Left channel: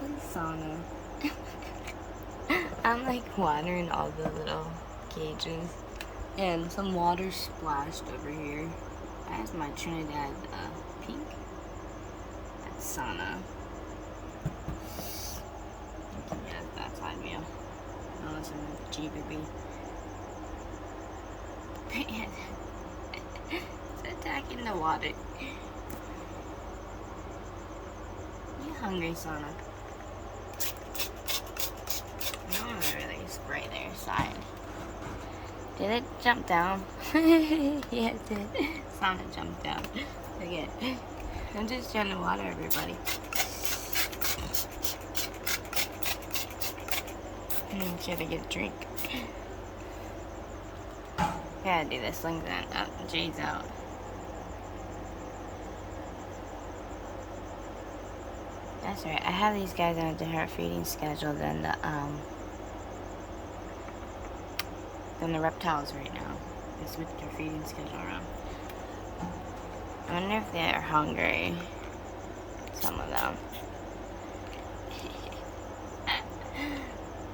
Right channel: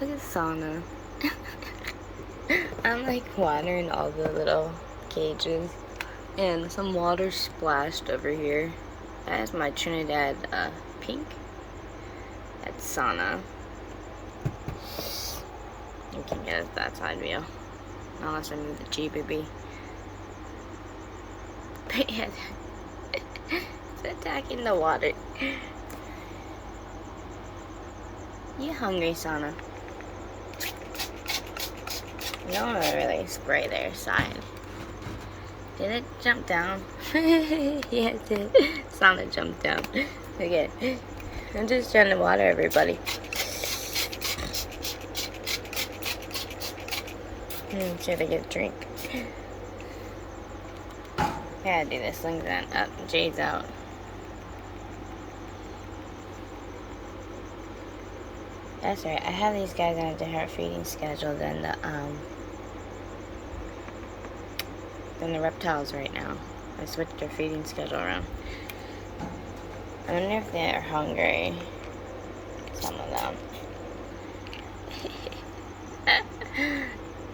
Look at sauna. I'm like watering all the little cages. And some water splashed over here. That is my Trinidad pink. That's sauna. You can get that side view. Unless I move the GBB. But yeah, it's attacking the water. You hungry, Sana? You don't want to really spray their side. Did it jump down? Yeah, it did. Sana jumped down. Okay. I'm just trying to water everybody. Should I get a drink? Gotta do this. Slings that up. Jade's out. That's right. I have these guys on a different feeding schedule than the reptiles right now. I switched their feeding schedule around. I wonder if they're hungry. Some of them.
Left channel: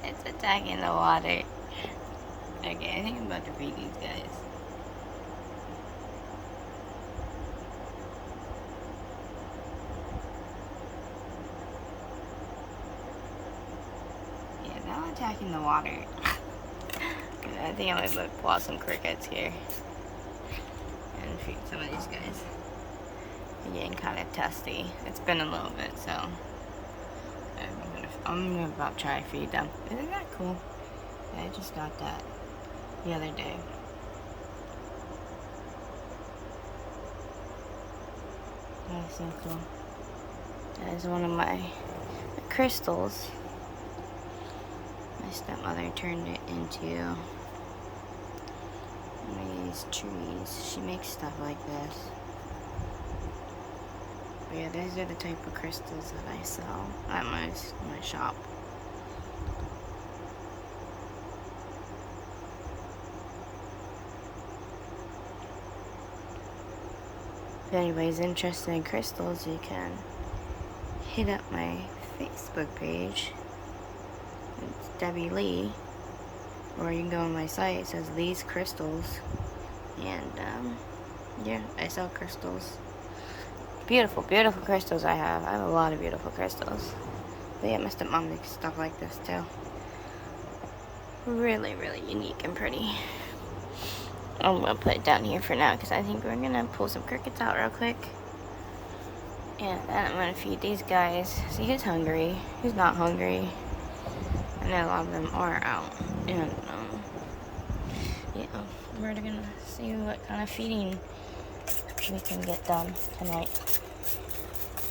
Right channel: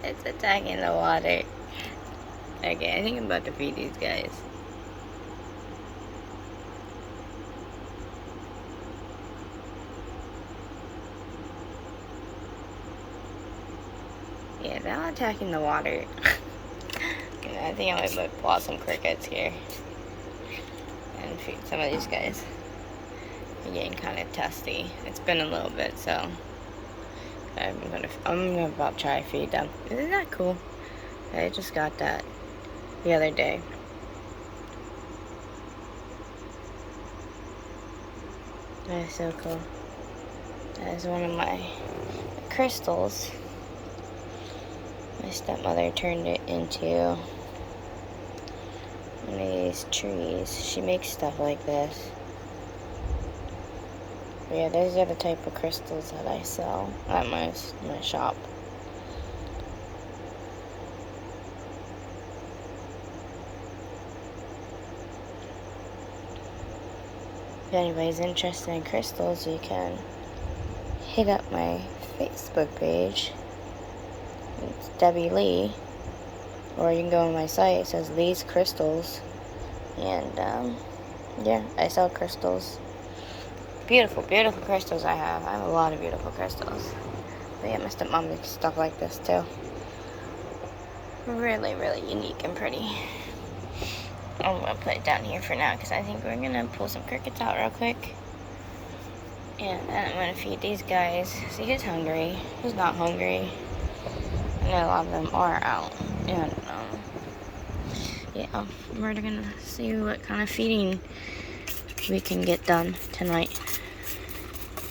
It's attacking the water. Okay, I think I'm about to feed these guys. Yeah, they're attacking the water. I think I might pull out some crickets here and feed some of these guys. They're getting kind of testy. It's been a little bit, so I'm gonna about try to feed them. Isn't that cool? I just got that the other day. That is so cool. That is one of my crystals. My stepmother turned it into one of these trees. She makes stuff like this. But yeah, those are the type of crystals that I sell at my shop. If anybody's interested in crystals, you can hit up my Facebook page. It's Debbie Lee, or you can go on my site. It says Lee's Crystals, and yeah, I sell crystals. Beautiful, beautiful crystals I have. I have a lot of beautiful crystals. But yeah, my stepmom makes stuff like this too. Really, really unique and pretty. I'm gonna put it down here for now because I think we're gonna pull some crickets out real quick. And then I'm gonna feed these guys. See, who's hungry? Who's not hungry? And a lot of them are out. And yeah, we're gonna see what kind of feeding we can get done tonight.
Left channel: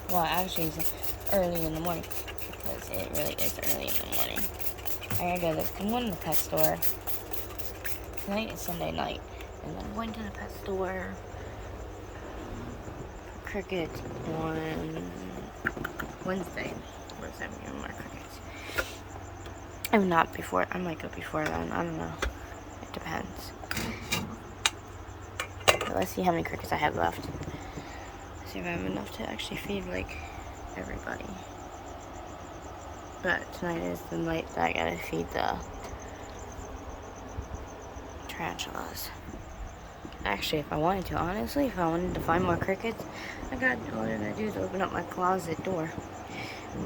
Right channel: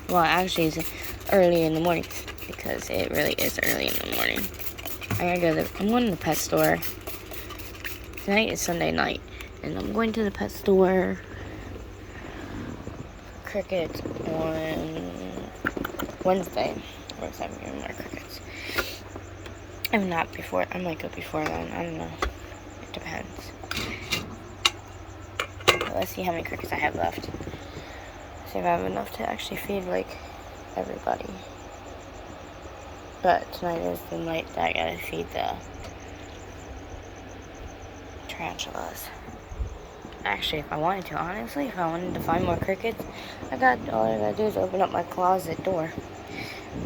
Well, actually, it's early in the morning because it really is early in the morning. I'm going to the pet store. Tonight is Sunday night, and I'm going to the pet store. Crickets on Wednesday. Or is that more crickets? I'm not before. I might go before then. I don't know. It depends. But let's see how many crickets I have left. See if I have enough to actually feed like everybody. But tonight is the night that I gotta feed the tarantulas. Actually, if I wanted to, honestly, if I wanted to find more crickets, all I gotta do is open up my closet door.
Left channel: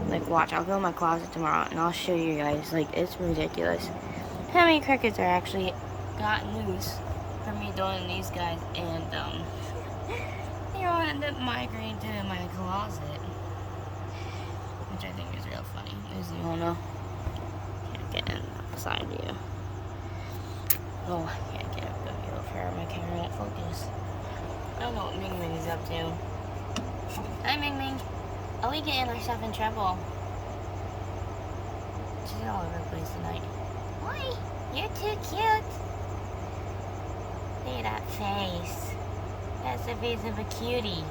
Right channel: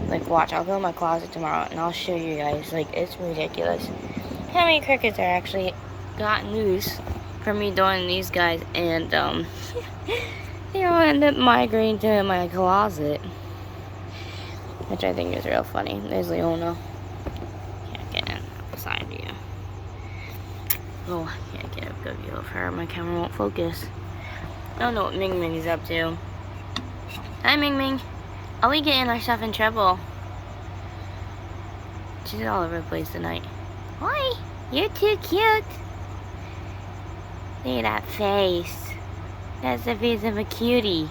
Like, watch, I'll go in my closet tomorrow and I'll show you guys. Like, it's ridiculous how many crickets are actually gotten loose from me doing these guys, and they all end up migrating to my closet, which I think is real funny. There's Leona. Can't get in the side view. Oh, I can't get a good view of her. My camera won't focus. Don't know what Ming Ming is up to. Hi, Ming Ming. Are we getting ourselves in trouble? She's all over the place tonight. Hi, you're too cute. Look at that face. That's the face of a cutie.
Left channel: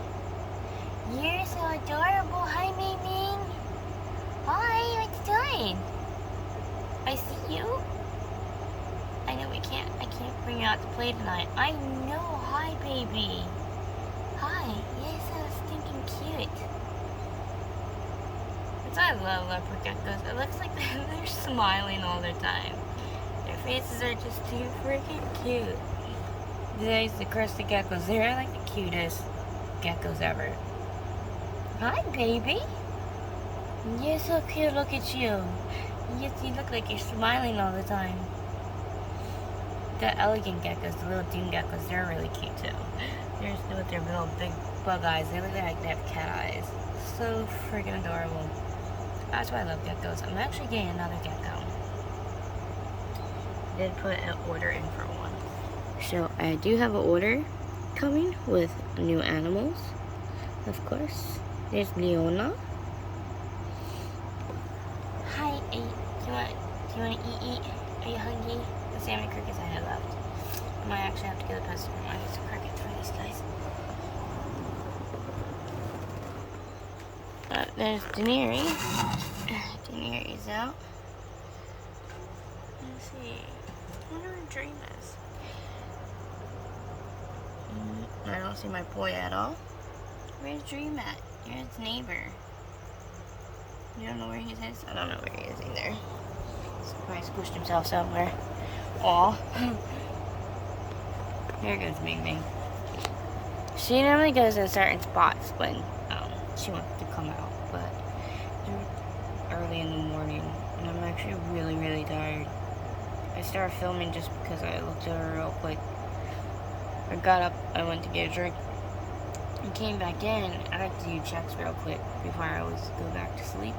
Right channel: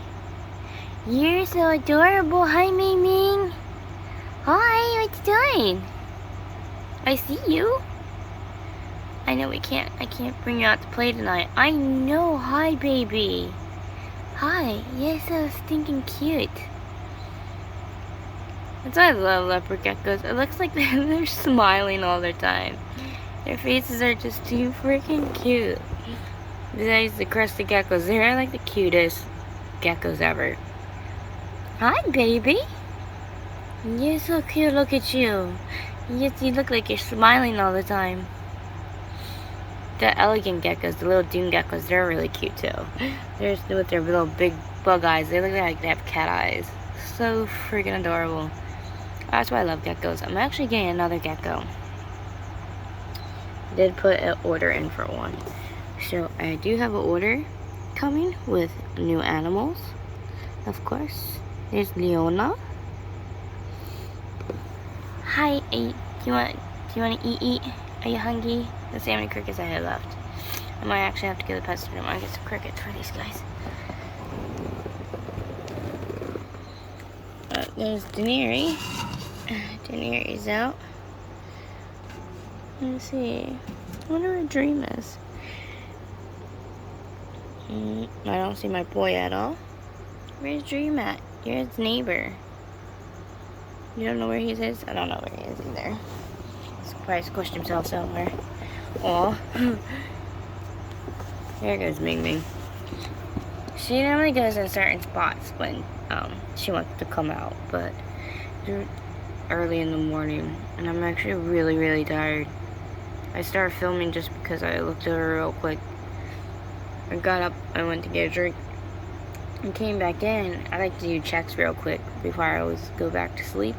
You're so adorable. Hi, Ming Ming. Hi, what you doing? I see you. I know I can't bring you out to play tonight. I know. Hi, baby. Hi. You're so stinking cute. That's why I love leopard geckos. It looks like they're smiling all the time. Their faces are just too freaking cute. Besides the crested geckos, they're like the cutest geckos ever. Hi, baby. You're so cute. Look at you. Yes, you look like you're smiling all the time. The elegant geckos, the little dune geckos, they're really cute too. They're with their little big bug eyes. They look like they have cat eyes. So freaking adorable. That's why I love geckos. I'm actually getting another gecko. Did put an order in for one. So I do have an order coming with new animals. Of course. There's Leona. Hi, do you want to eat? Are you hungry? Let's see how many crickets I have left. I might actually have to go to the pet room. I get some crickets for these guys. There's Daenerys. Daenerys out. Let's see. I wonder what Dream is. I don't see my boy at all. Where's Dream at? You're his neighbor. You don't know where he is? I don't know where he is either. He's probably squished himself somewhere. Aw. There goes Ming Ming. She normally goes in certain spots when she wants to come out, but it's early in the morning, and I'm actually really, really tired. I started filming just because I looked over real quick. I got up, I went to get a drink, and came back in. I like to do checks real quick before I always go back to sleep.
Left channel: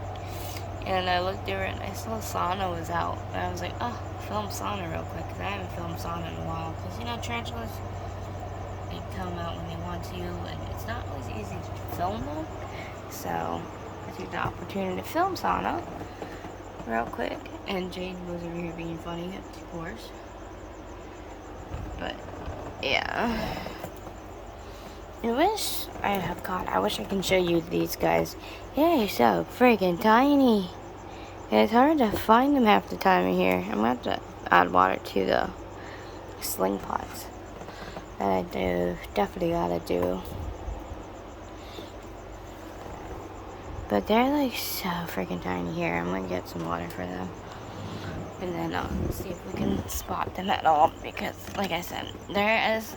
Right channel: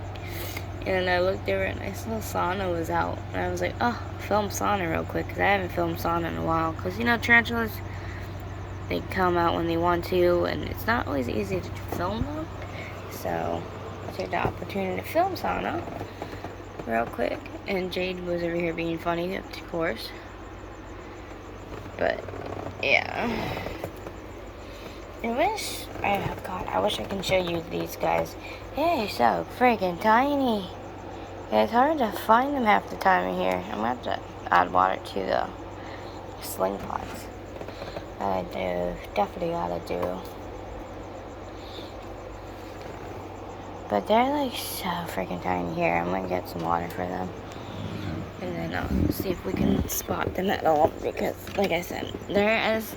And I looked over and I saw Sana was out. And I was like, oh, I'll film Sana real quick, because I haven't filmed Sana in a while. Because, you know, tarantulas, they come out when they want to, and it's not always easy to film them. So I took the opportunity to film Sana real quick. And Jade was over here being funny, of course. But, yeah. I wish I can show you these guys. They're so freaking tiny. It's hard to find them half the time in here. I'm gonna have to add water to the sling pots. That I definitely gotta do. But they're like so freaking tiny here. I'm gonna get some water for them. And then I'll see if we can spot them at all. Because, like I said, they're as...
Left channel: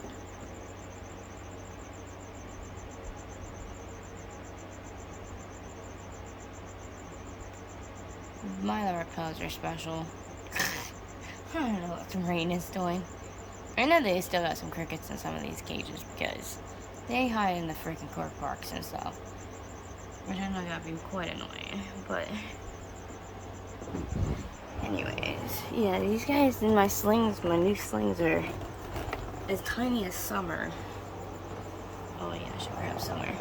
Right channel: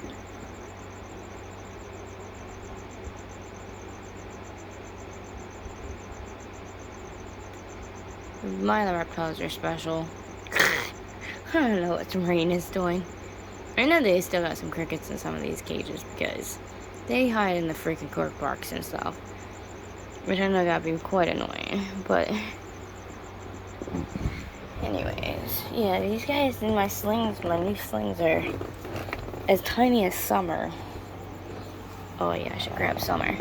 My other reptiles are special. I don't know what Marine is doing. I know they still got some crickets in some of these cages because they hide in the freaking cork barks and stuff. Which I know gotta be quite annoying. But anyways, yeah, these guys in my new slings are as tiny as Summer. Oh yeah, I should grab Summer.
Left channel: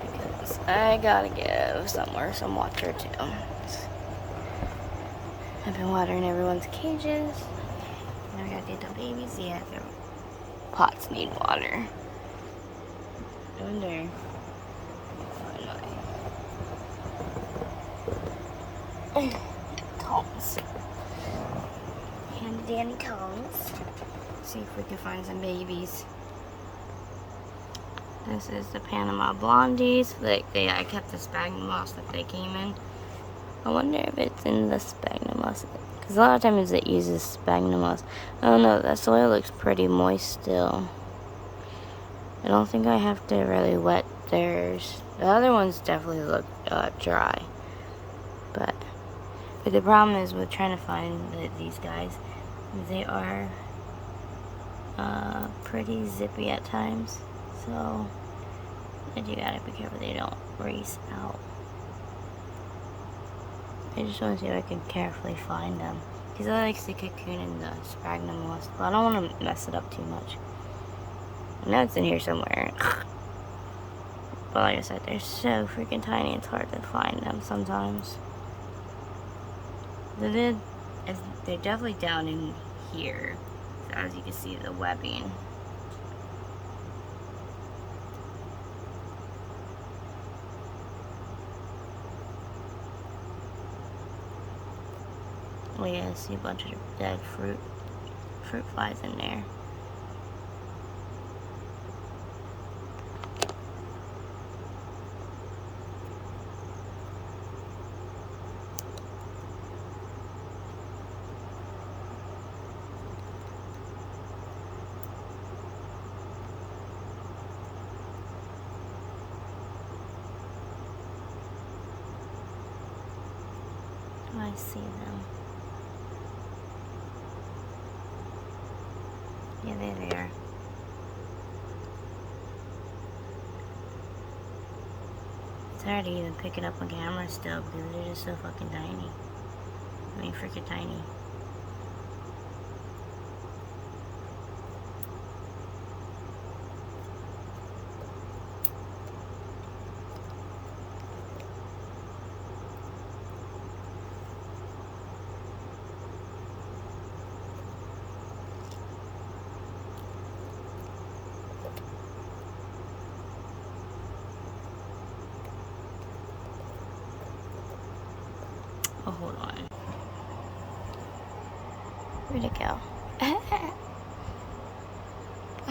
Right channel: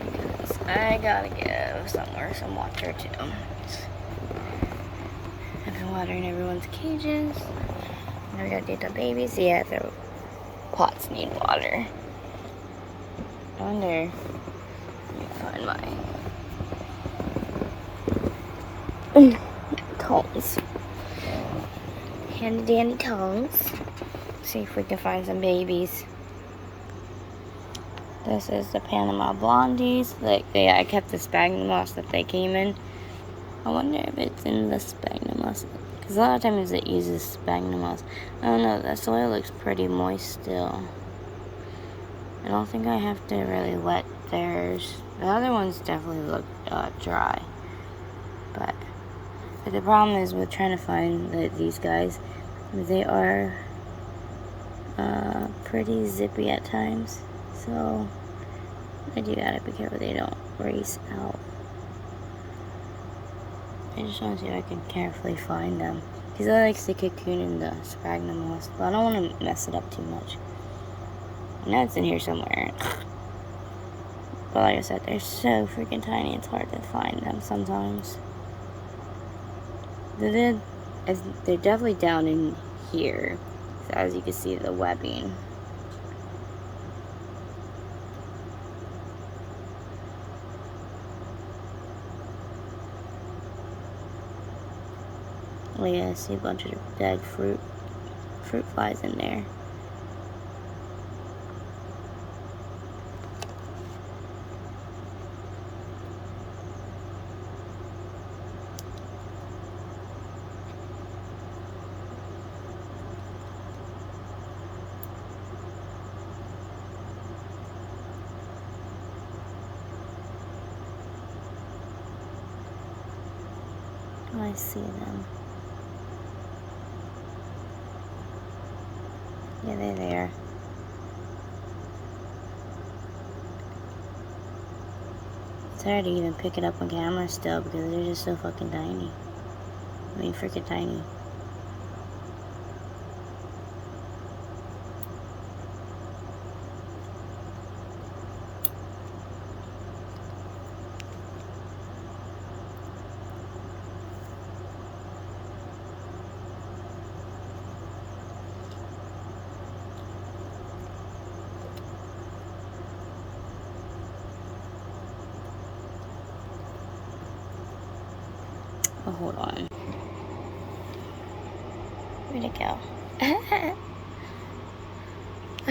Because I gotta give Summer some water too. I've been watering everyone's cages. Now we gotta do the babies. Yeah, their pots need water. I wonder. Let me find my tongs. Handy dandy tongs. See if we can find some babies. This is the Panama Blondies. I kept the sphagnum moss that they came in. I wonder if it's in the sphagnum moss. Because a lot of times it uses sphagnum moss. I don't know, that soil looks pretty moist still. I don't think I have to really wet theirs. The other ones definitely look dry. But the problem is with trying to find these guys, they are pretty zippy at times. So I do gotta be careful they don't race out. I just want to see if I can carefully find them. Because I like to cocoon in the sphagnum moss, but I don't want to mess it up too much. I know it's in here somewhere. But like I said, they're so freaking tiny, it's hard to find them sometimes. They're definitely down in here. So as you can see, the webbing. Oh yeah, I see a bunch of dead fruit flies in there. I see them. Yeah, they're there. It's hard to even pick it up on camera still because they're just so fucking tiny. I mean, freaking tiny. Oh, hold on. Where'd it go? I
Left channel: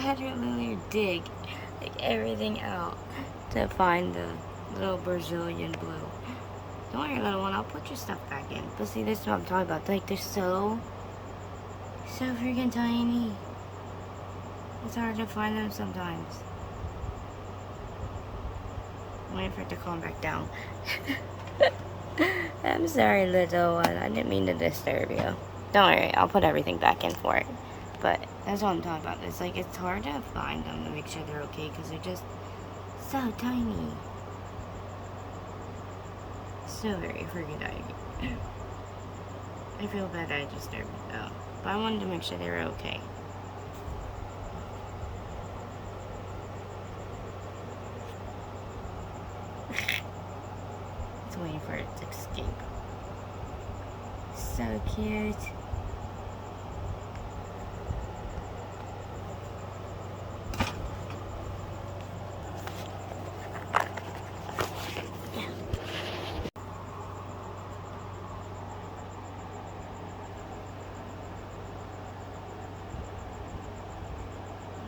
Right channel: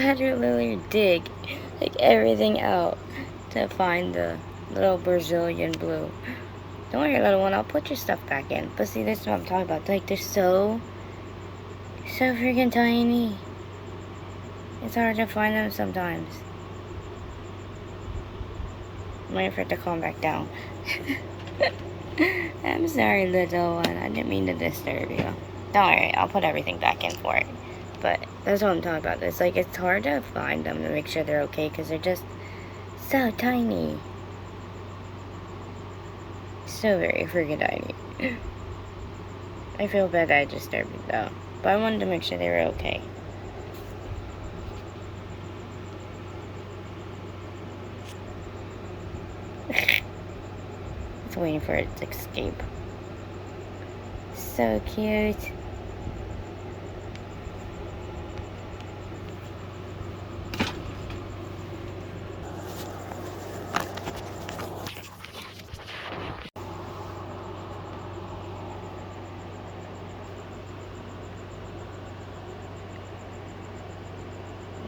had to literally dig like everything out to find the little Brazilian blue. Don't worry, little one, I'll put your stuff back in. But see, this is what I'm talking about. Like, they're so freaking tiny. It's hard to find them sometimes. I'm waiting for it to calm back down. I'm sorry, little one. I didn't mean to disturb you. Don't worry, I'll put everything back in for it. But that's what I'm talking about. It's like, it's hard to find them to make sure they're okay because they're just so tiny. So very freaking tiny. I feel bad that I disturbed it though. But I wanted to make sure they were okay. It's waiting for it to escape. So cute.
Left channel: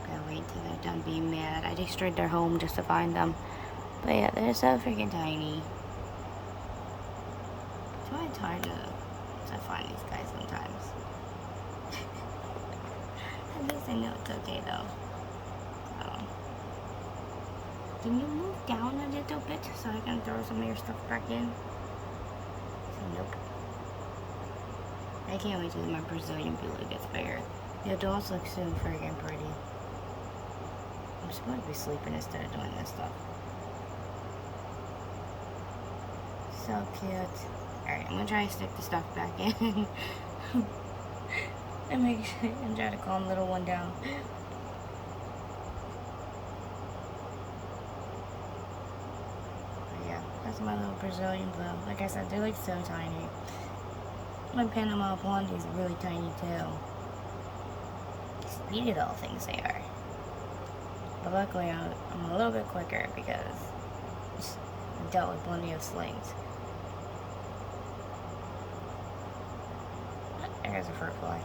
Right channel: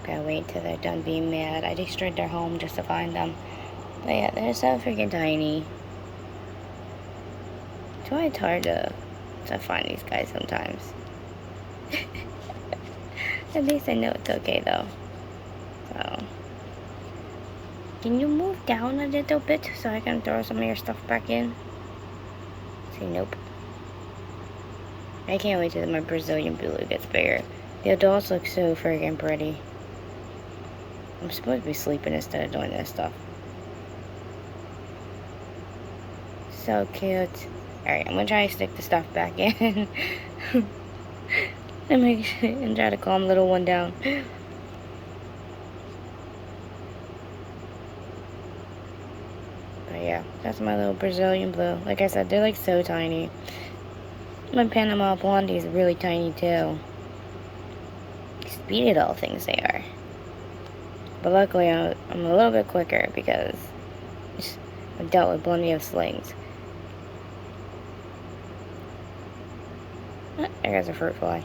Gotta wait till they're done being mad. I destroyed their home just to find them. But yeah, they're so freaking tiny. That's why it's hard to find these guys sometimes. At least I know it's okay though. So, can you move down a little bit so I can throw some of your stuff back in? See, nope. I can't wait till my Brazilian blue gets bigger. The adults look so freaking pretty. I'm supposed to be sleeping instead of doing this stuff. So cute. Alright, I'm gonna try to stick the stuff back in. and try to calm little one down. But yeah, that's my little Brazilian blue. Like I said, they're like so tiny. My Panama Blondie is really tiny too. Speedy little things they are. But luckily, I'm a little bit quicker because I've dealt with plenty of slings. Oh, there goes a fruit fly.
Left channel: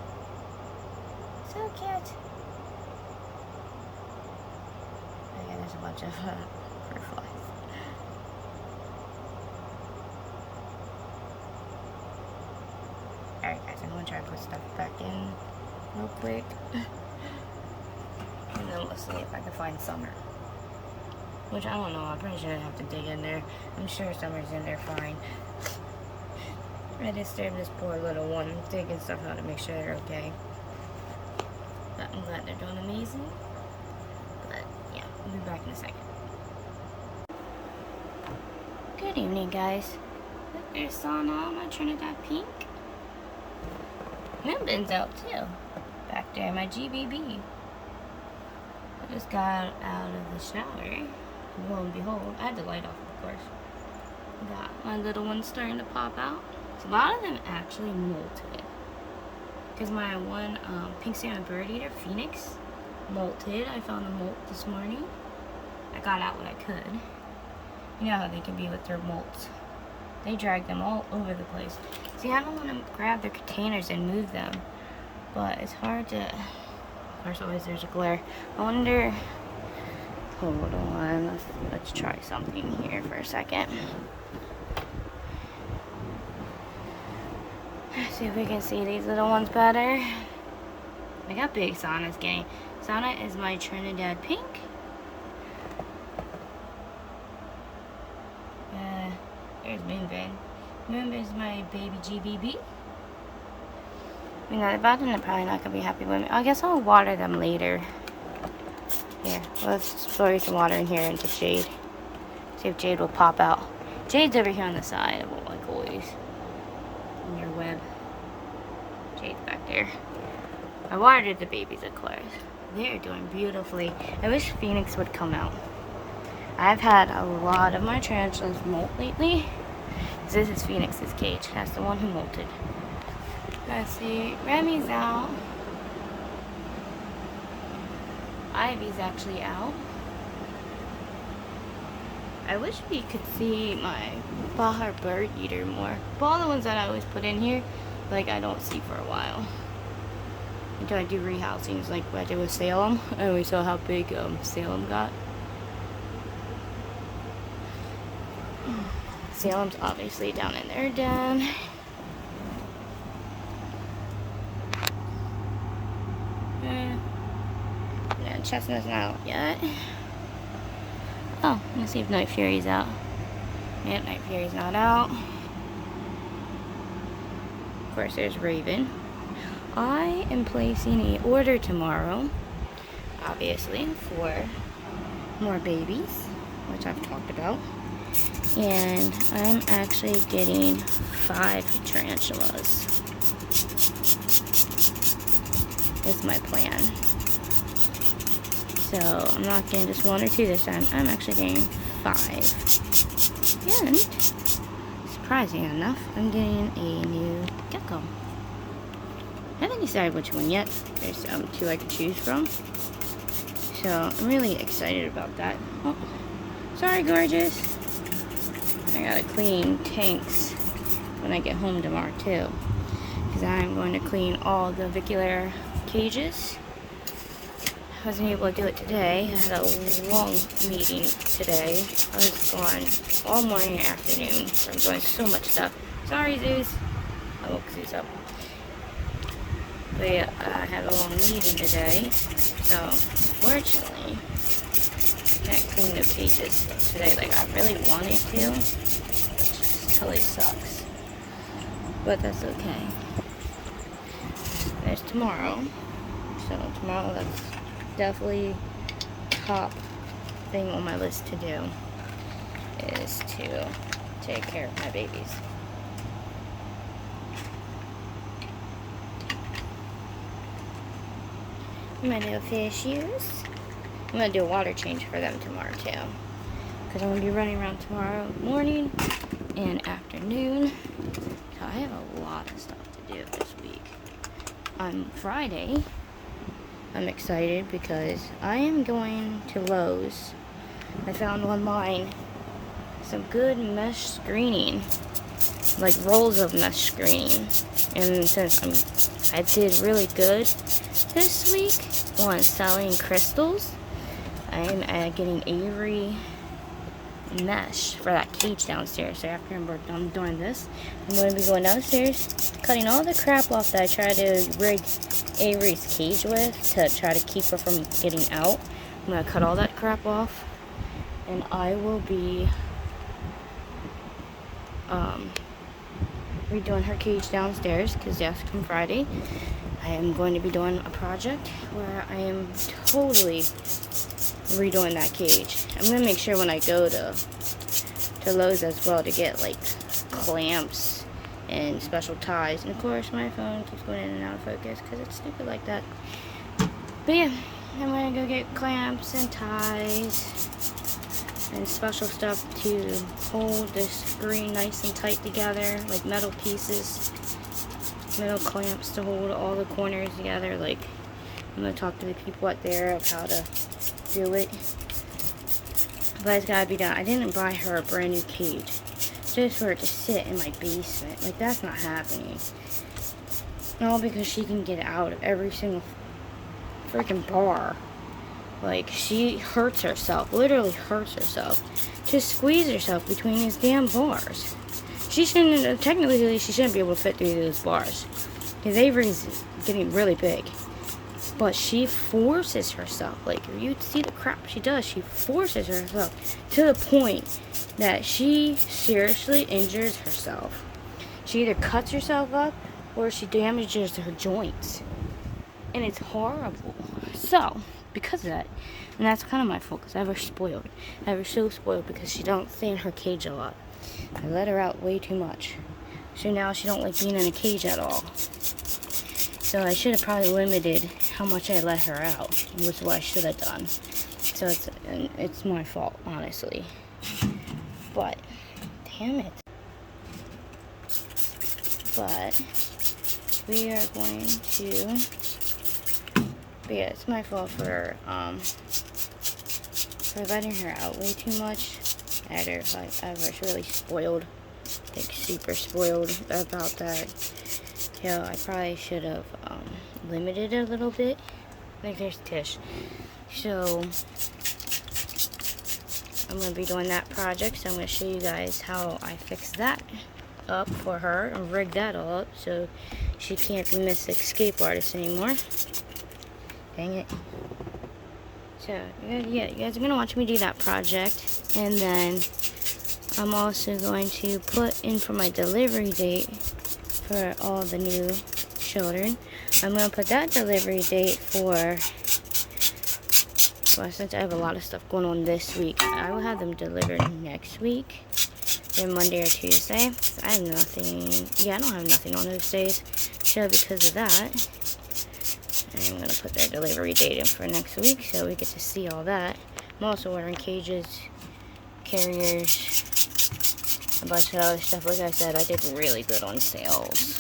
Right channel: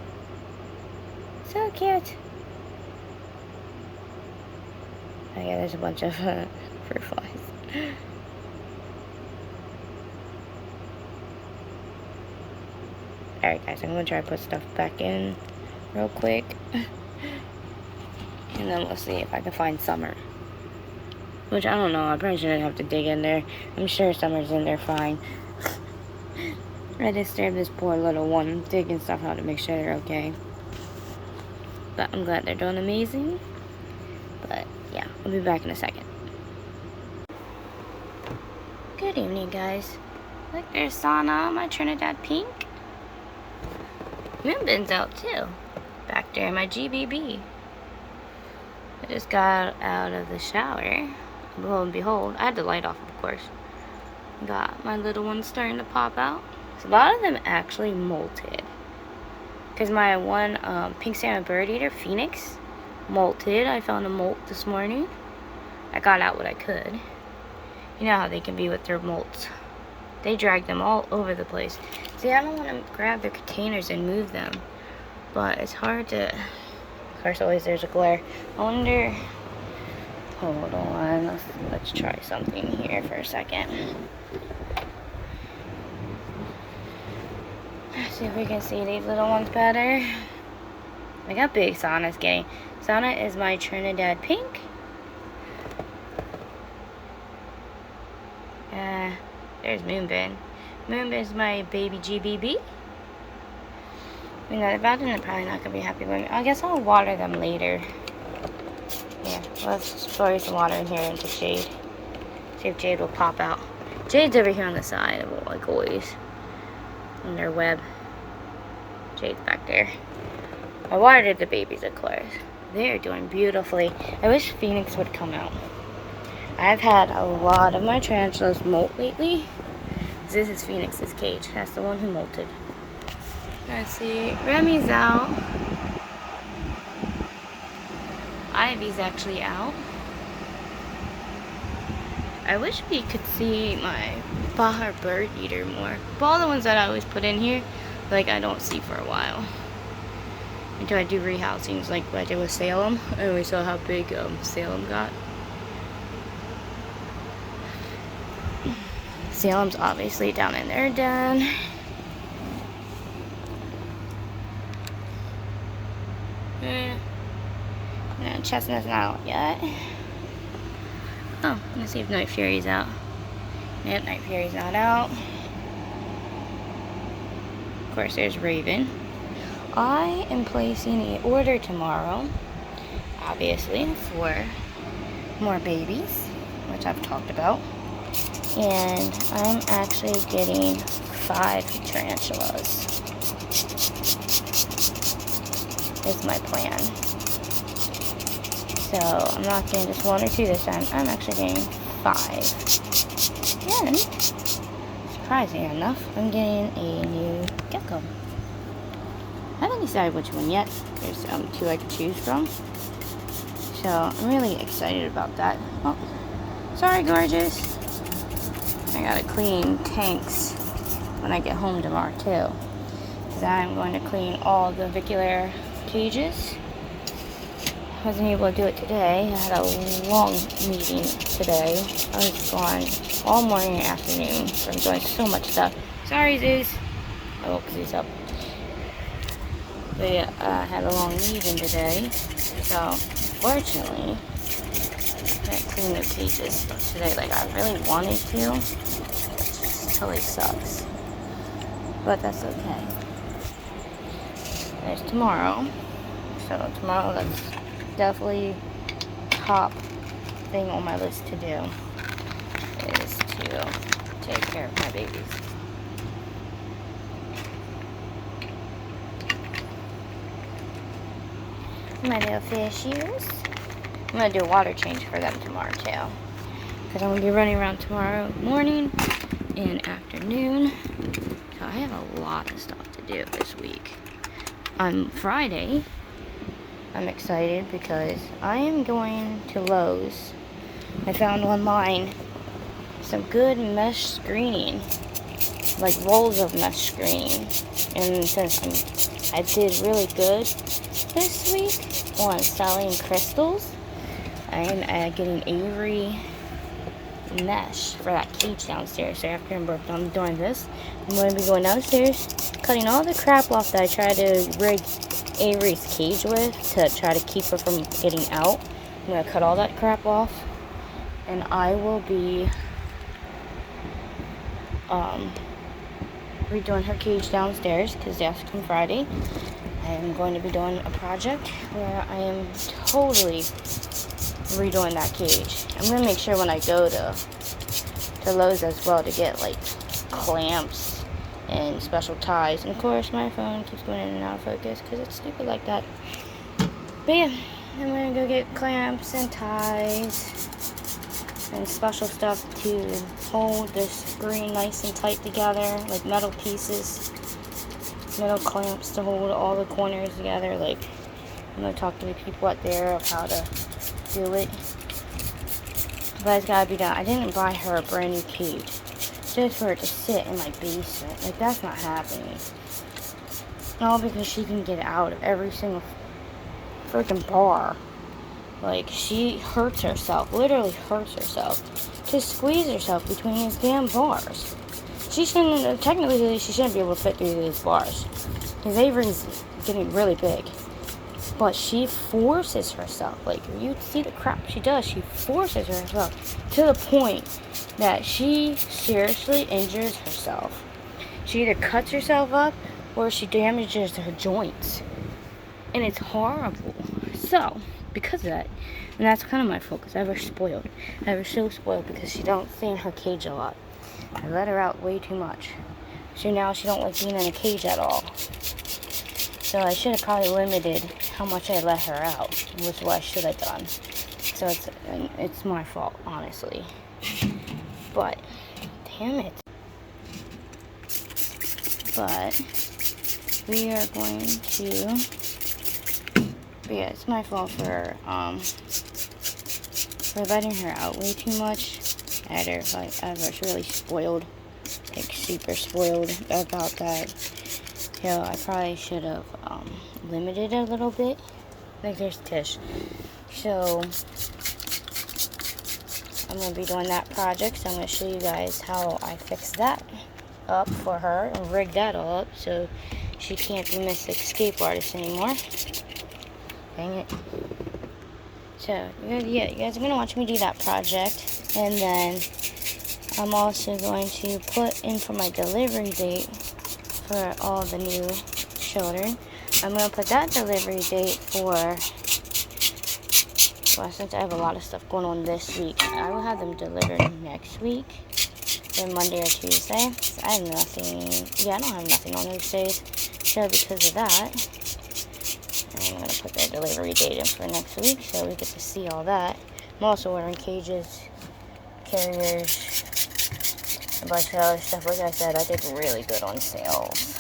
So cute. Oh yeah, there's a bunch of fruit flies. Alright guys, I'm gonna try to put stuff back in real quick. And then we'll see if I can find Summer. Which, I don't know, I probably shouldn't have to dig in there. I'm sure Summer's in there fine. I disturbed this poor little one, digging stuff out to make sure they're okay. But I'm glad they're doing amazing. But, yeah, I'll be back in a second. Good evening, guys. Look, there's Sana, my Trinidad Pink. Moonbin's out, too. Back there in my GBB. I just got out of the shower. Lo and behold, I had the light off, of course. Got my little one starting to pop out. So a lot of them actually molted. Because my one pink salmon bird eater, Phoenix, molted. I found a molt this morning. I got out what I could. You know how they can be with their molts. They drag them all over the place. See, I don't want to grab their containers and move them. But it's hard to... Of course, always there's a glare. I wonder... Hold on. Let's try something here for a second. Let's see if we can see these little ones better. Look how big Sana's getting. Sana is my Trinidad Pink. There's Moonbin. Moon is my baby GBB. You know, the Belgians are probably not going to be happy with me. I guess I'll water them later. Here, let's pour some water in here into Jade. See if Jade will pop out. Jade's over here on the side, like always. On their web. Jade's back there. I watered the babies, of course. They're doing beautifully. I wish Phoenix would come out. I've had a lot of my tarantulas molt lately. This is Phoenix's cage. That's the one who molted. Let's see. Remy's out. Ivy's actually out. I wish we could see my Bahar bird eater more. But all the ones that I always put in here, like I don't see for a while. Until I do rehousings like what I did with Salem. I always saw how big Salem got. Salem's obviously down in their den. No, Chestnut's not out yet. Oh, let's see if Night Fury's out. Yep, Night Fury's not out. Of course, there's Raven. I am placing an order tomorrow, obviously, for more babies, which I've talked about. And I'm actually getting 5 tarantulas. That's my plan. So I'm not getting just 1 or 2 this time. I'm actually getting 5. And surprising enough, I'm getting a new gecko. I haven't decided which one yet. There's 2 I can choose from. So I'm really excited about that. Oh, sorry, gorgeous. I gotta clean tanks when I get home tomorrow too, because I'm going to clean all the avicular cages. I wasn't able to do it today. I had a long meeting today. I was gone all morning and afternoon, so I'm doing so much stuff. Sorry, Zeus. I woke Zeus up. They had a long meeting today, so fortunately can't clean the cages today like I really wanted to. It totally sucks, but that's okay. There's tomorrow, so tomorrow that's definitely top thing on my list to do is to take care of my babies. My little fishies. I'm going to do a water change for them tomorrow too, because I'm going to be running around tomorrow morning and afternoon. So I have a lot of stuff to do this week. On Friday, I'm excited because I am going to Lowe's. I found online some good mesh screening, like rolls of mesh screening. And since I did really good this week on selling crystals, I'm getting Avery mesh for that cage downstairs. So after I'm done doing this, I'm going to be going downstairs, cutting all the crap off that I tried to rig Avery's cage with to try to keep her from getting out. I'm going to cut all that crap off, and I will be redoing her cage downstairs because that's on Friday. I am going to be doing a project where I am totally redoing that cage. I'm going to make sure when I go to Lowe's as well to get like clamps and special ties. And of course my phone keeps going in and out of focus because it's stupid like that. But yeah, I'm going to go get clamps and ties and special stuff to hold this screen nice and tight together, like metal pieces, metal clamps to hold all the corners together. Like, I'm going to talk to the people out there of how to do it. But it's got to be done. I didn't buy her a brand new cage just for her to sit in my basement. Like, that's not happening. All because she can get out of every single freaking bar. Like, she hurts herself, literally hurts herself, to squeeze herself between these damn bars. She shouldn't, technically, she shouldn't be able to fit through those bars. Because Avery's getting really big. But she forces herself, like, you see the crap she does, she forces herself to the point that she seriously injures herself. She either cuts herself up or she damages her joints. And it's horrible. So, because of that, and that's kind of my fault because I have her spoiled. I have her so spoiled because she don't stay in her cage a lot. I let her out way too much. So now she don't like being in a cage at all. So I should have probably limited how much I let her out, which is what I should have done. So it's my fault, honestly. But, damn it. But, we are going to, but yeah, it's my fault for letting her out way too much. I was really spoiled, like super spoiled about that. So I probably should have limited it a little bit. Like there's Tish. So I'm going to be doing that project. So I'm going to show you guys how I fix that up for her and rig that all up so she can't be Miss Escape Artist anymore. Dang it. So you guys are going to watch me do that project. And then I'm also going to put in for my delivery date for all the new children. I'm going to put that delivery date for, well, since I have a lot of stuff going on this week, I will have them delivered next week, then Monday or Tuesday. I have nothing, I don't have nothing on those days, so because of that, I'm going to put that delivery date in for next week, so we get to see all that. I'm also ordering cages, carriers, a bunch of other stuff. Like I said, I did really good on sales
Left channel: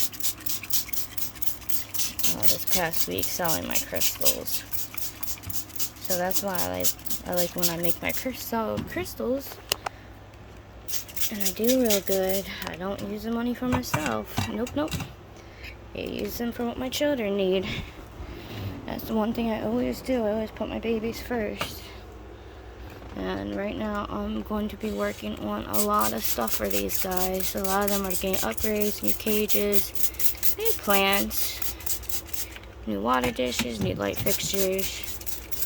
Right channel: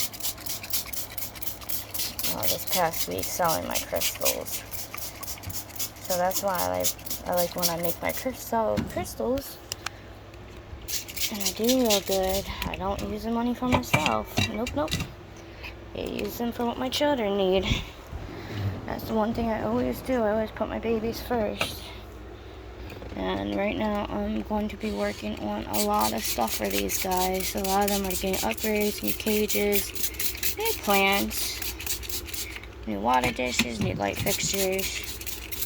this past week selling my crystals. So that's why I like when I make my crystals. And I do real good. I don't use the money for myself. Nope. I use them for what my children need. That's the one thing I always do. I always put my babies first. And right now, I'm going to be working on a lot of stuff for these guys. A lot of them are getting upgrades, new cages, new plants, new water dishes, new light fixtures.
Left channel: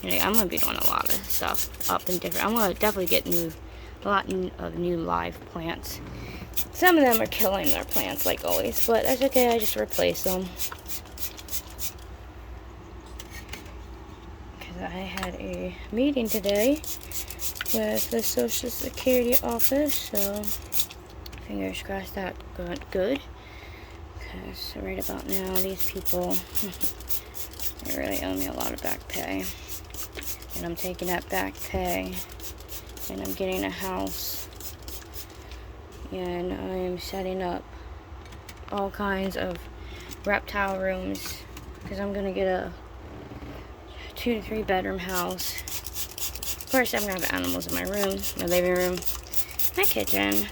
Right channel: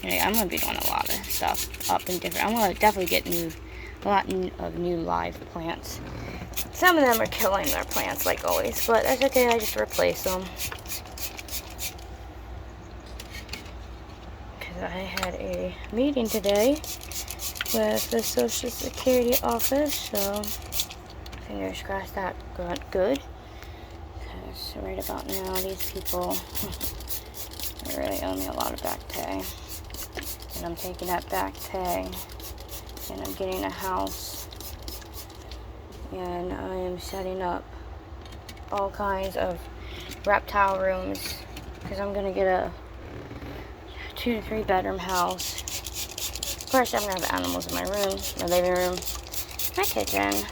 Anyway, I'm going to be doing a lot of stuff up and different. I'm going to definitely get a lot of new live plants. Some of them are killing their plants like always, but that's okay. I just replace them. Because I had a meeting today with the Social Security office, so fingers crossed that got good. Because right about now, these people, they really owe me a lot of back pay. And I'm taking that back pay, and I'm getting a house, and I'm setting up all kinds of reptile rooms, because I'm going to get a 2 to 3 bedroom house. First, I'm going to have animals in my room, my living room, my kitchen.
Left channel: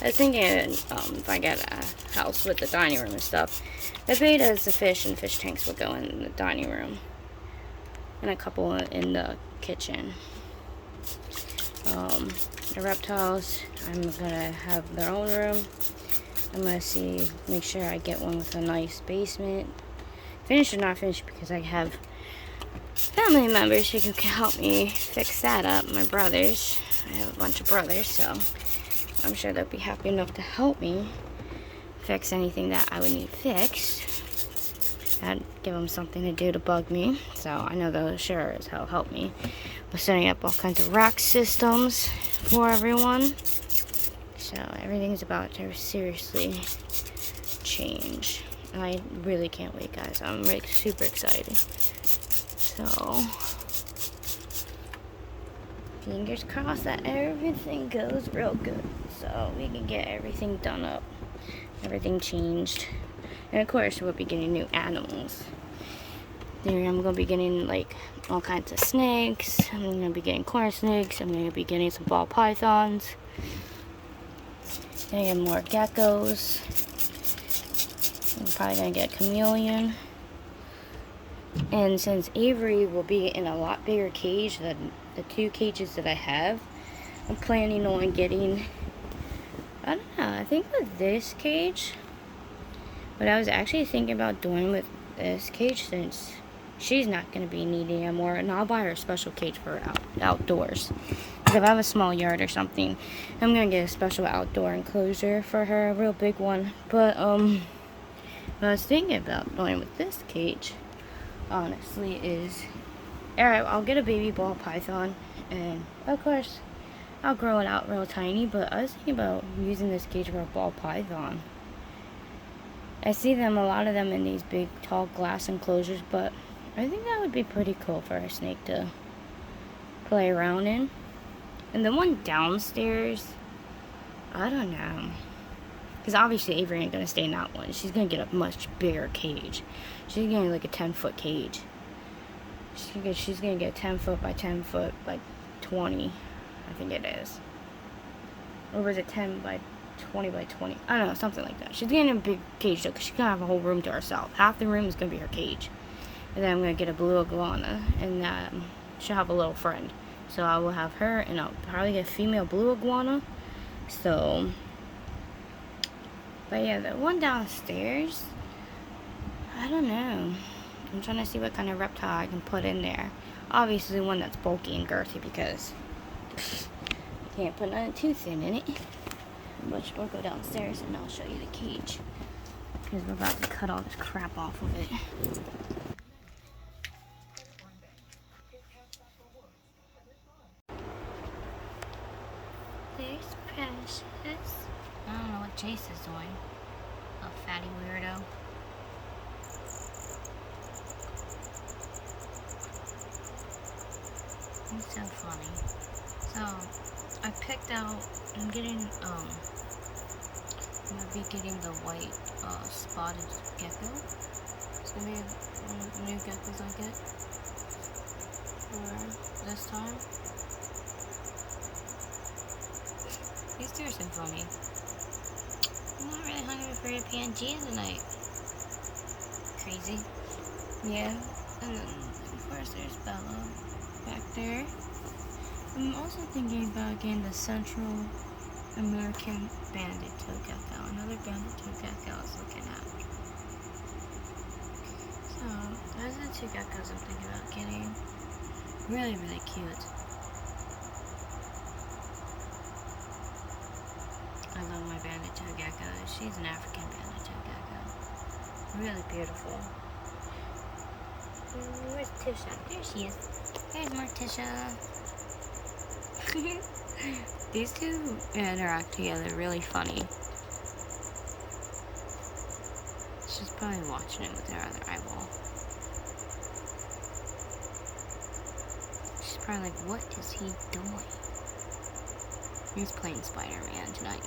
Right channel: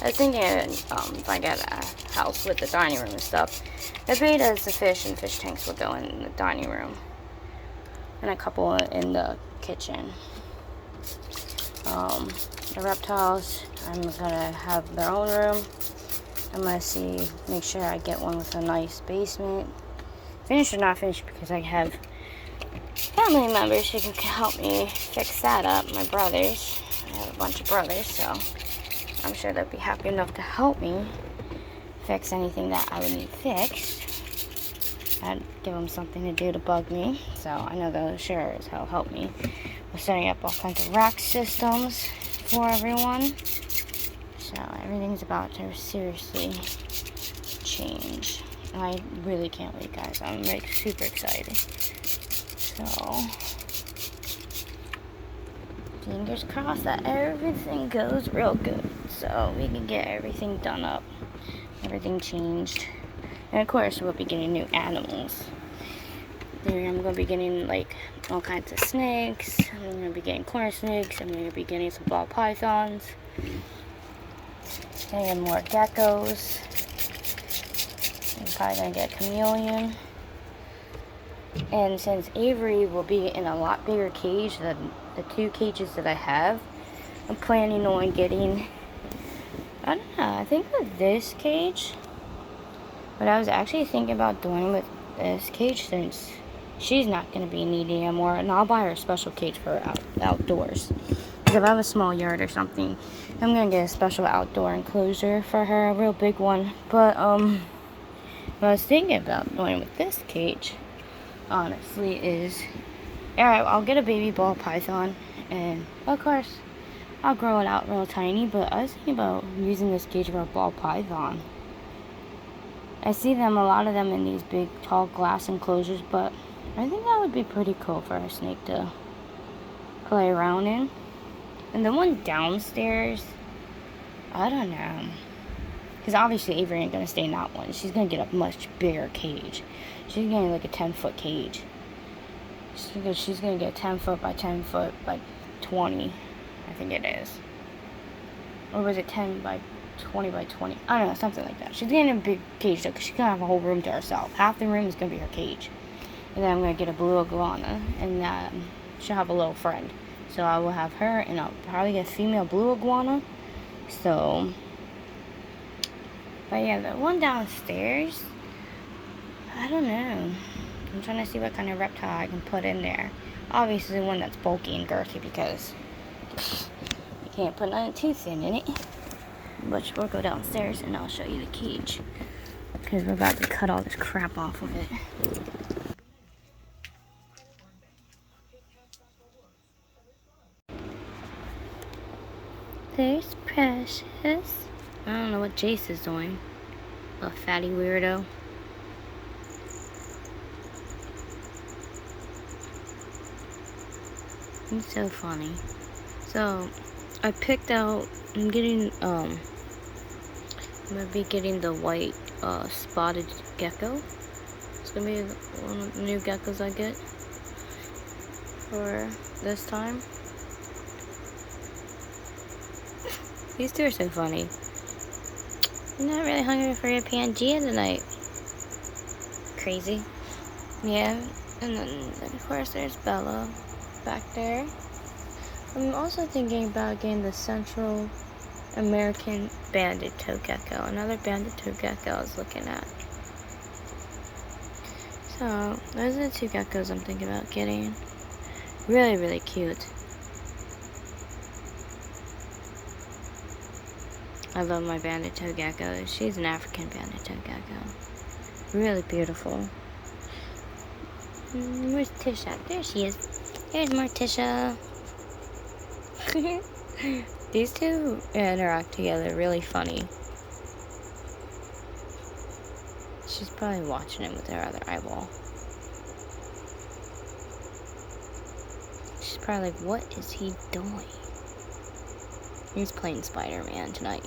I was thinking if I get a house with the dining room and stuff, as made as the fish and fish tanks will go in the dining room. And a couple in the kitchen. The reptiles, I'm going to have their own room. I'm going to make sure I get one with a nice basement. Finished or not finished, because I have family members who can help me fix that up. My brothers. I have a bunch of brothers, so I'm sure they'll be happy enough to help me fix anything that I would need fixed. I'd give them something to do to bug me, so I know they'll sure as hell help me. We're setting up all kinds of rock systems for everyone. So everything's about to seriously change. I really can't wait, guys. I'm like super excited. So fingers crossed that everything goes real good, so we can get everything done up, everything changed. And of course, we'll be getting new animals. Then I'm going to be getting like all kinds of snakes. I'm going to be getting corn snakes. I'm going to be getting some ball pythons. Gonna get more geckos. I'm probably going to get a chameleon. And since Avery will be in a lot bigger cage than the 2 cages that I have, I'm planning on getting, I don't know, I think with this cage, what I was actually thinking about doing with this cage, since she's not going to be needy anymore, and I'll buy her a special cage for outdoors. Because if I have a small yard or something, I'm gonna get a special outdoor enclosure for her, a real big one. But what I was thinking about doing with this cage, honestly, is alright, I'll get a baby ball python, and of course I'll grow it out real tiny. But I was thinking about using this cage for a ball python. I see them, a lot of them, in these big tall glass enclosures, but I think that would be pretty cool for a snake to play around in. And the one downstairs, I don't know, because obviously Avery ain't gonna stay in that one. She's gonna get a much bigger cage. She's getting like a 10-foot cage. She's gonna get 10 foot by 10 foot by 20, I think it is. Or was it 10 by 20 by 20? I don't know, something like that. She's getting a big cage though, because she's gonna have a whole room to herself. Half the room is gonna be her cage. And then I'm gonna get a blue iguana, and she'll have a little friend. So I will have her, and I'll probably get a female blue iguana. So, but yeah, the one downstairs, I don't know. I'm trying to see what kind of reptile I can put in there. Obviously one that's bulky and girthy, because you can't put nothing too thin in it. But we'll go downstairs and I'll show you the cage, because we're about to cut all this crap off of it. There's Precious. I don't know what Jace is doing. A fatty weirdo. He's so funny. So, I picked out, I'm gonna be getting the white spotted gecko. It's gonna be one of the new geckos I get for this time. These two are so funny. I'm not really hungry for a Pangea tonight. Crazy. Yeah, and then of course there's Bella back there. I'm also thinking about getting the Central American banded toad gecko. Another banded toad gecko I was looking at. So those are the two geckos I'm thinking about getting. Really, really cute. I love my banded toad gecko. She's an African banded toad gecko. Really beautiful. Where's Tisha? There she is. There's Morticia. These two interact together really funny. She's probably watching it with her other eyeball. She's probably like, what is he doing? He's playing Spider-Man tonight.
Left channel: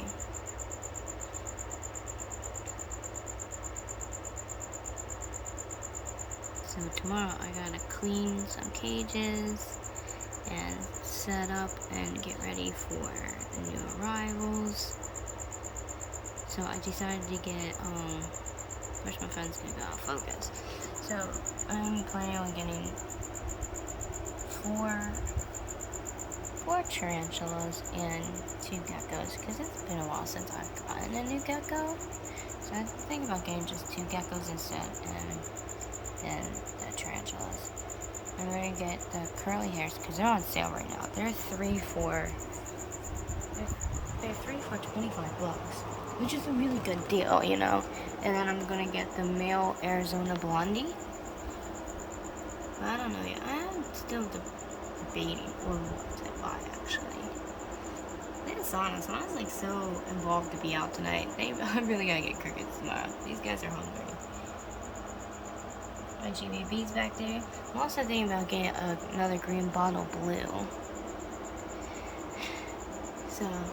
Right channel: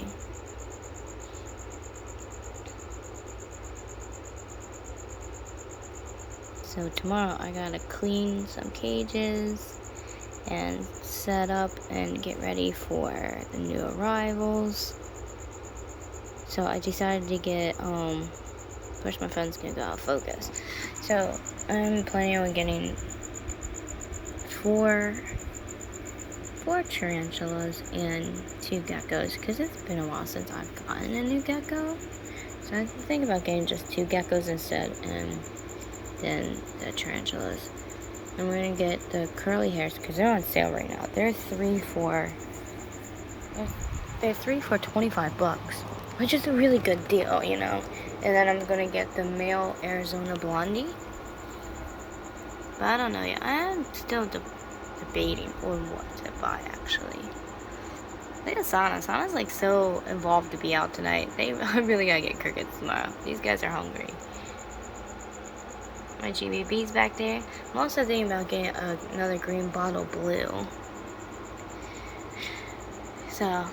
So tomorrow I gotta clean some cages and set up and get ready for the new arrivals. So I decided to get, of course my phone's gonna go out of focus. So I'm planning on getting four tarantulas and 2 geckos, because it's been a while since I've gotten a new gecko. So I'm thinking about getting just 2 geckos instead, and then the tarantulas. I'm gonna get the curly hairs because they're on sale right now. They're 3 for $25, which is a really good deal, you know. And then I'm gonna get the male Arizona Blondie. But I don't know yet. I am still debating on what to buy, actually. Look at Sana. Sana's like so involved to be out tonight. I really gotta get crickets tomorrow. These guys are hungry. My GBB's back there. I'm also thinking about getting another green bottle blue. So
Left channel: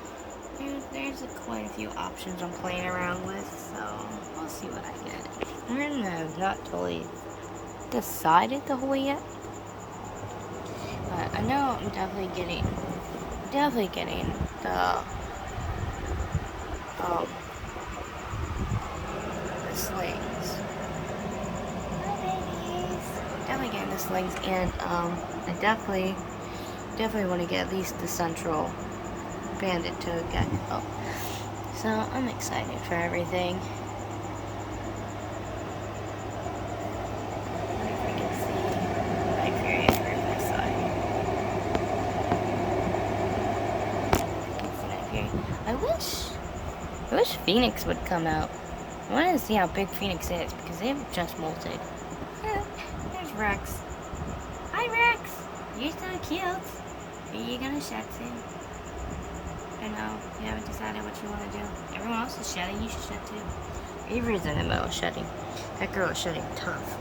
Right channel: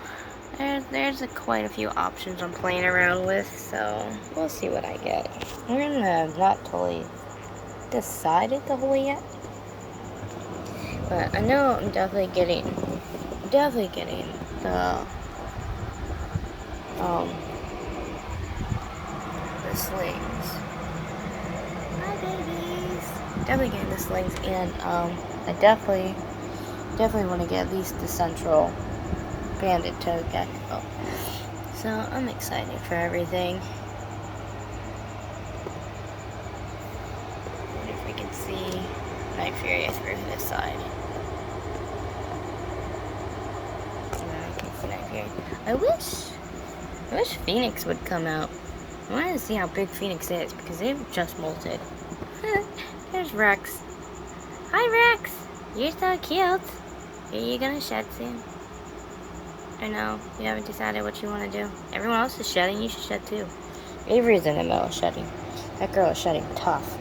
there's quite a few options I'm playing around with. So we'll see what I get. I'm not totally decided the whole yet. But I know I'm definitely getting the slings. Hi babies. Definitely getting the slings, and I definitely want to get at least the Central banded toad gecko. So I'm excited for everything. I wonder if I can see Night Fury Edgar this side. I wish Phoenix would come out. I want to see how big Phoenix is because they've just molted. There's Rex. Hi, Rex. You're so cute. Are you gonna shed soon? Or no? You haven't decided what you want to do? Everyone else is shedding. You should shed too. Avery's in the middle of shedding. That girl is shedding tough.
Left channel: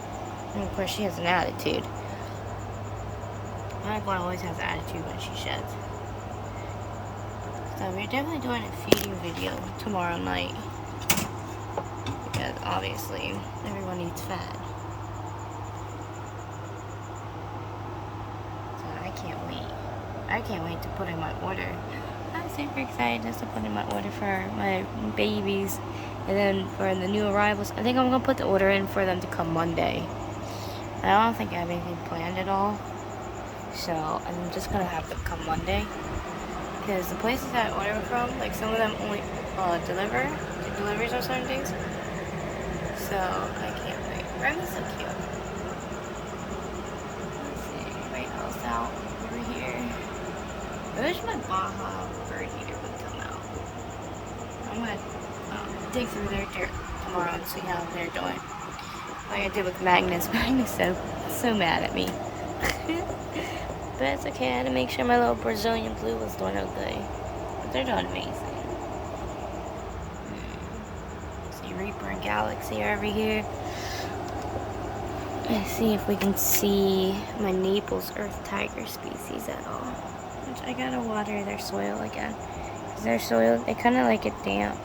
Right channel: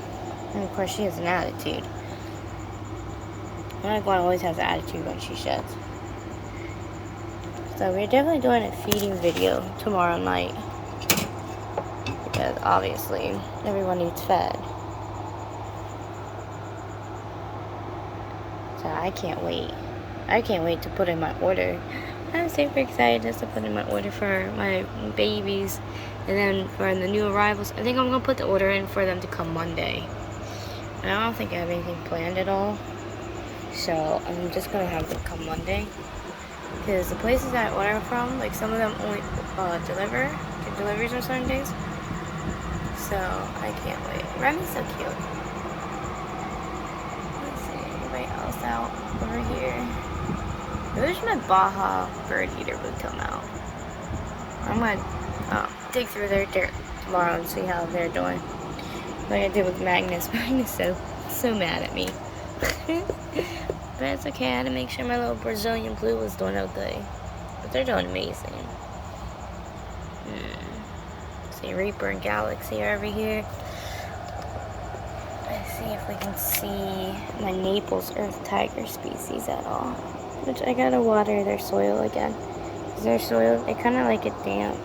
And of course, she has an attitude. My one always has an attitude when she sheds. So we're definitely doing a feeding video tomorrow night. Because obviously, everyone needs fed. So I can't wait. I can't wait to put in my order. I'm super excited just to put in my order for my babies. And then for the new arrivals, I think I'm going to put the order in for them to come Monday. I don't think I have anything planned at all. So I'm just going to have them come Monday. Because the places that I order from, like some of them only get deliveries on certain days. So I can't wait. Remy's so cute. Let's see, anybody else out over here? I wish my Baja bird eater would come out. I'm gonna dig through their dirt tomorrow and see how they're doing. Like I did with Magnus. Magnus is so mad at me. But it's okay. I had to make sure my little Brazilian blue was doing okay. But they're doing amazing. See Reaper and Galaxy are over here. Let's see if we can see my Naples Earth Tiger species at all. Which I gotta water their soil again. Their soil, they kind of like it damp.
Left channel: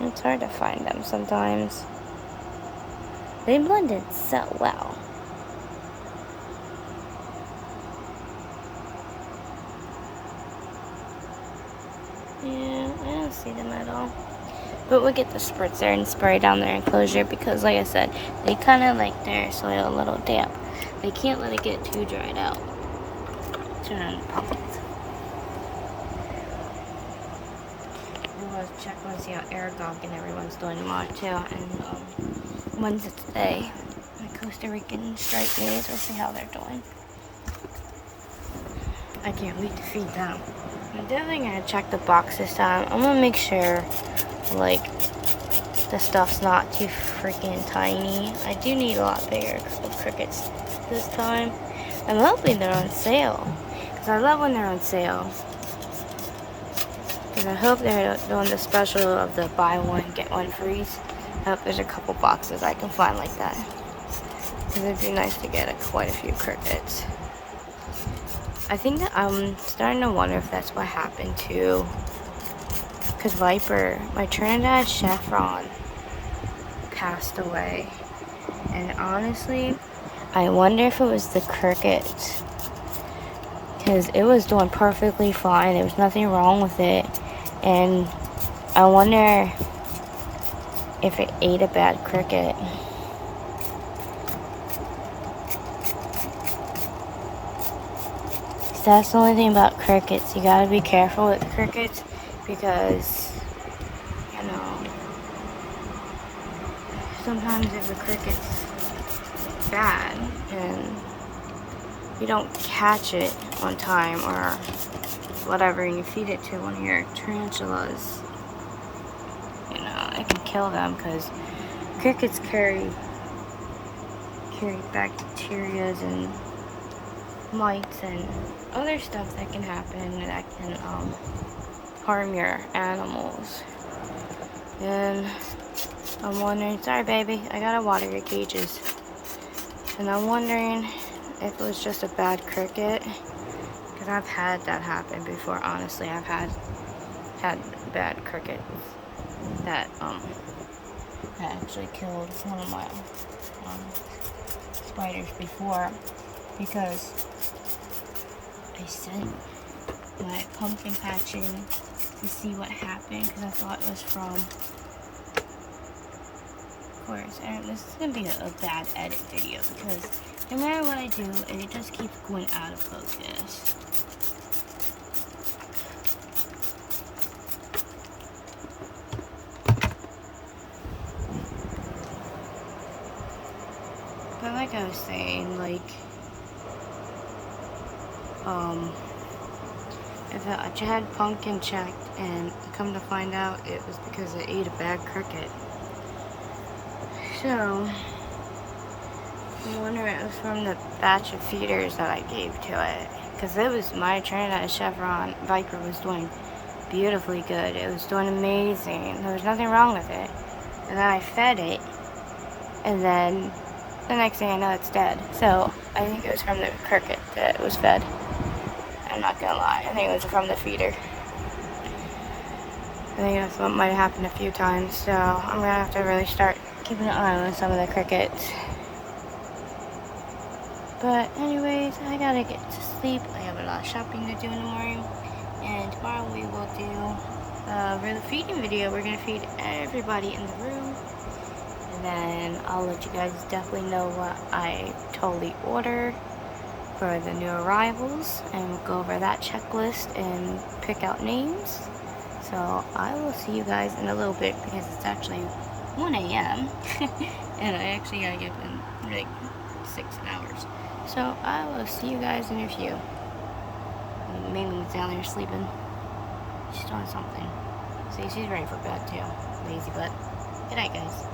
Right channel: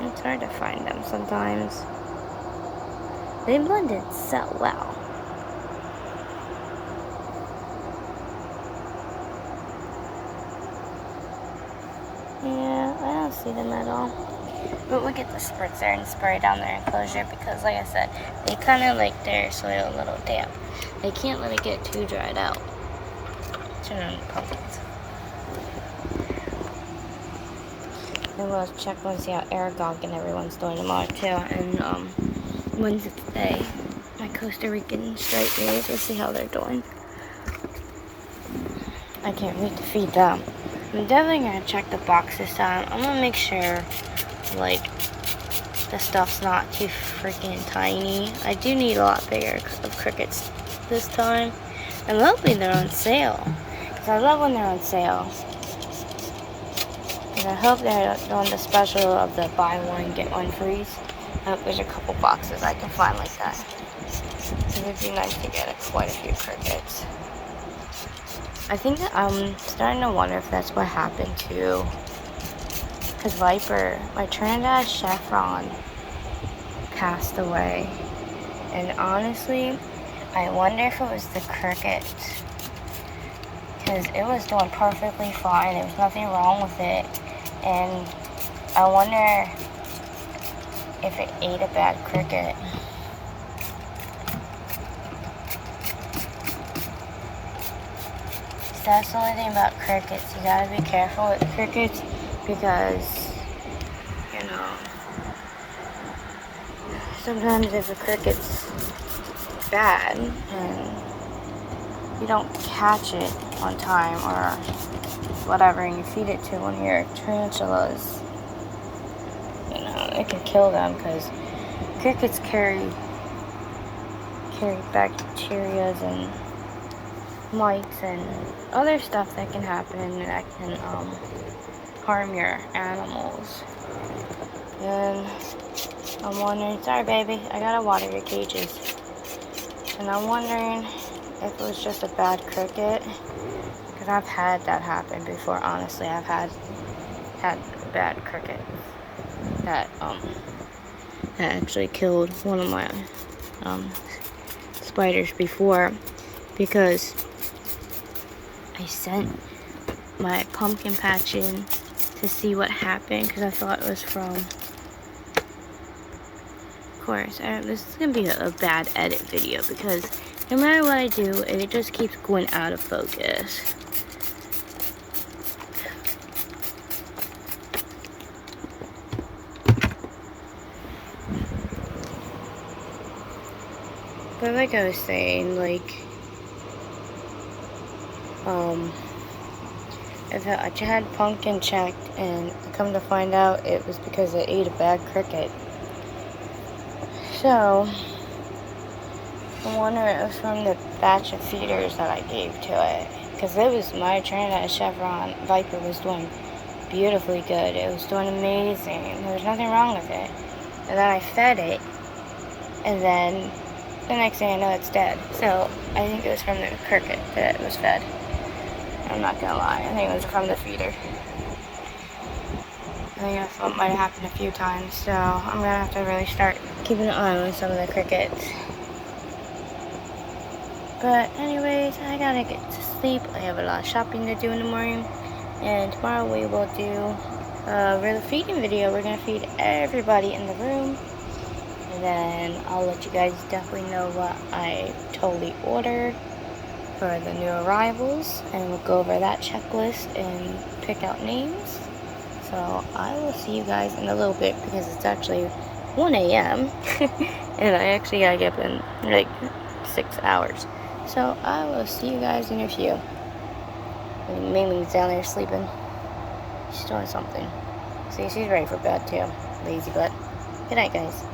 It's hard to find them sometimes. They blended so well. Yeah, I don't see them at all. But we'll get the spritzer and spray down their enclosure because, like I said, they kind of like their soil a little damp. They can't let it get too dried out. Turn on the pumpkins. And we'll check and see how Aragog and everyone's doing tomorrow too. And Wednesday, my Costa Rican striped maize. We'll see how they're doing. I can't wait to feed them. I'm definitely gonna check the box this time. I'm gonna make sure, like, the stuff's not too freaking tiny. I do need a lot bigger of crickets this time. I'm hoping they're on sale. Because I love when they're on sale. And I hope they're doing the special of the buy one, get one free. I hope there's a couple boxes I can find like that. It would be nice to get quite a few crickets. I think that I'm starting to wonder if that's what happened to, because Viper, my Trinidad Chevron, passed away. And honestly, I wonder if it was the crickets, because it was doing perfectly fine. There was nothing wrong with it. And I wonder if it ate a bad cricket. That's the only thing about crickets. You gotta be careful with crickets because, you know, sometimes if a cricket's bad and you don't catch it one time or whatever and you feed it to one of your tarantulas, you know, it can kill them because crickets carry bacterias and mites and other stuff that can happen and that can harm your animals. And I'm wondering, sorry baby, I gotta water your cages. And I'm wondering if it was just a bad cricket, because I've had that happen before. Honestly, I've had bad cricket that actually killed one of my spiders before, because I sent my pumpkin patch in to see what happened because I thought it was from, of course, this is going to be a bad edit video because no matter what I do, it just keeps going out of focus. But like I was saying, like, I had Pumpkin checked, and come to find out it was because it ate a bad cricket. So, I wonder if it was from the batch of feeders that I gave to it. Because it was my turn that Chevron Viper was doing beautifully good. It was doing amazing. There was nothing wrong with it. And then I fed it, and then the next thing I know, it's dead. So, I think it was from the cricket that it was fed. I'm not gonna lie, I think it was from the feeder. I think that's what might have happened a few times, so I'm gonna have to really start keeping an eye on some of the crickets. But anyways, I gotta get to sleep. I have a lot of shopping to do in the morning, and tomorrow we will do a real feeding video. We're gonna feed everybody in the room, and then I'll let you guys definitely know what I totally ordered for the new arrivals, and we'll go over that checklist and pick out names. So I will see you guys in a little bit, because it's actually 1 a.m. and I actually gotta get up in like 6 hours. So I will see you guys in a few. Mimi's down there sleeping. She's doing something. See, she's ready for bed too. Lazy butt. Good night, guys.